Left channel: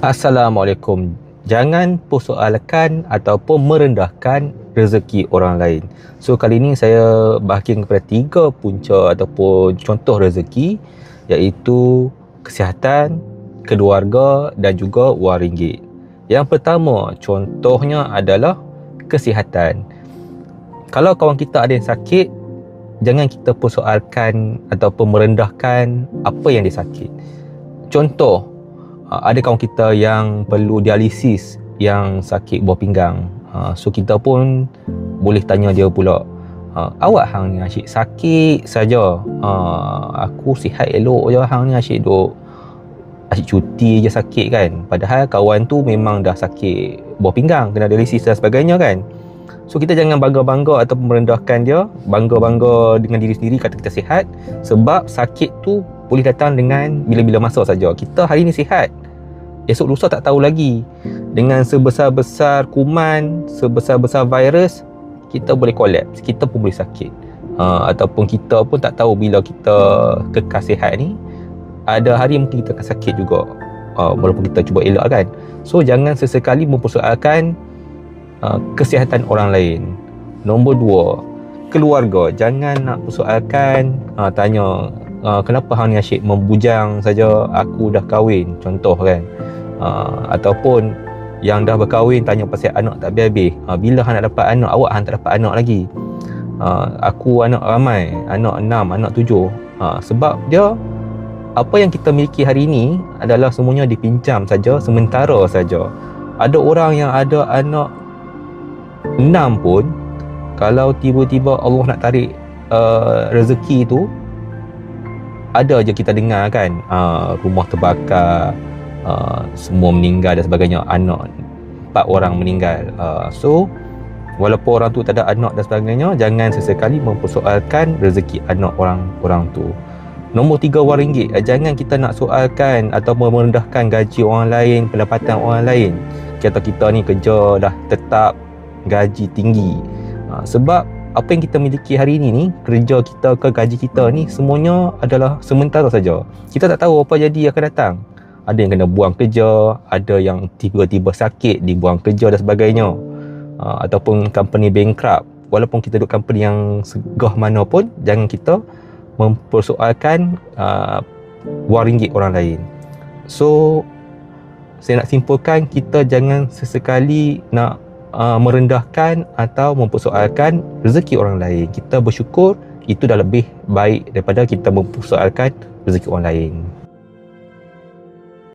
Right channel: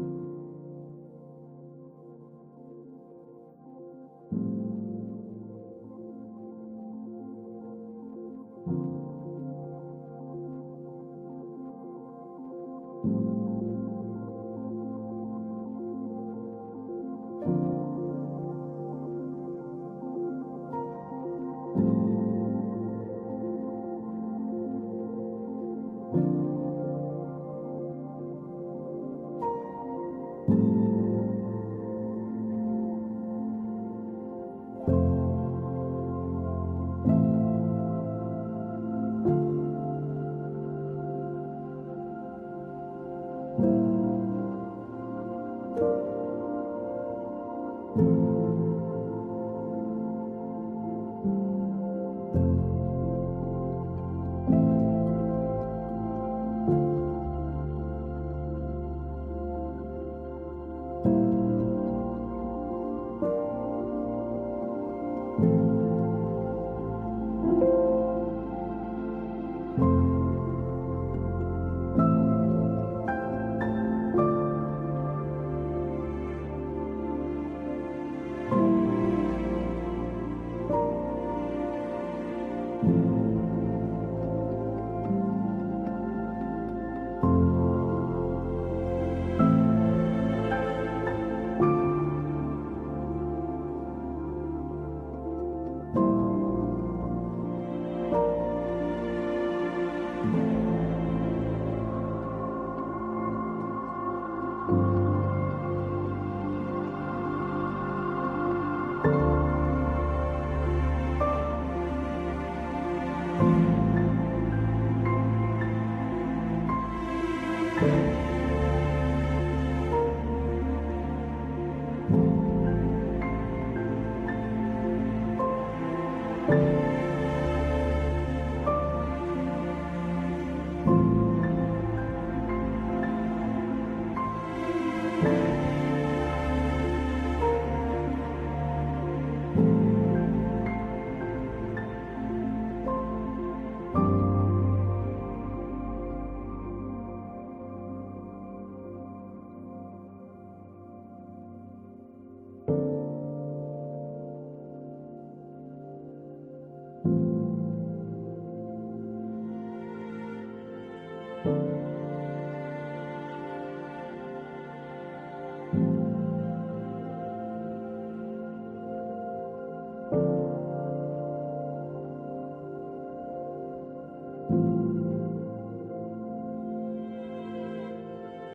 Assalamualaikum. Jangan persoalkan ataupun merendahkan rezeki orang lain. So kali ini saya bahagikan kepada 3 punca ataupun contoh rezeki, iaitu kesihatan, keluarga dan juga wang ringgit. Yang pertama contohnya adalah kesihatan. Kalau kawan kita ada yang sakit, jangan kita persoalkan ataupun merendahkan apa yang dia sakit. Contoh, ada kawan kita yang perlu dialisis, yang sakit buah pinggang. So kita pun boleh tanya dia pula, awak hang ni asyik sakit saja, aku sihat elok je, hang ni asyik duk asyik cuti je sakit kan. Padahal kawan tu memang dah sakit buah pinggang, kena dialisis dan sebagainya kan. So kita jangan bangga-bangga ataupun merendahkan dia, bangga-bangga dengan diri sendiri kata kita sihat, sebab sakit tu boleh datang dengan bila-bila masa saja. Kita hari ni sihat, esok lusa tak tahu lagi. Dengan sebesar-besar kuman, sebesar-besar virus, kita boleh kolaps, kita pun boleh sakit. Ataupun kita pun tak tahu bila kita kekal sihat ni, ada hari mungkin kita akan sakit juga, walaupun kita cuba elak kan. So jangan sesekali mempersoalkan kesihatan orang lain. Nombor 2, keluarga. Jangan nak persoalkan, tanya, kenapa hang ni asyik membujang saja, aku dah kahwin, contoh kan. Ataupun yang dah berkahwin tanya pasal anak tak habis-habis, bila hang nak dapat anak, awak hang tak dapat anak lagi. Aku anak ramai, anak 6, anak 7. Sebab dia, apa yang kita miliki hari ini adalah semuanya dipinjam saja, sementara saja. Ada orang yang ada anak 6 pun, kalau tiba-tiba Allah nak tarik rezeki tu, ada je kita dengar kan, rumah terbakar, semua meninggal dan sebagainya, anak 4 orang meninggal. So walaupun orang tu tak ada anak dan sebagainya, jangan sesekali mempersoalkan rezeki anak orang tu. Nombor 3, wang ringgit. Jangan kita nak soalkan atau merendahkan gaji orang lain, pendapatan orang lain. Kata kita ni kerja dah tetap, gaji tinggi. Sebab apa yang kita miliki hari ini ni, kerja kita ke gaji kita ni, semuanya adalah sementara saja. Kita tak tahu apa jadi akan datang. Ada yang kena buang kerja, ada yang tiba-tiba sakit, dibuang kerja dan sebagainya. Ataupun company bankrupt. Walaupun kita duduk company yang segah mana pun, jangan kita mempersoalkan wang ringgit orang lain. So saya nak simpulkan, kita jangan sesekali nak merendahkan atau mempersoalkan rezeki orang lain. Kita bersyukur, itu dah lebih baik daripada kita mempersoalkan rezeki orang lain.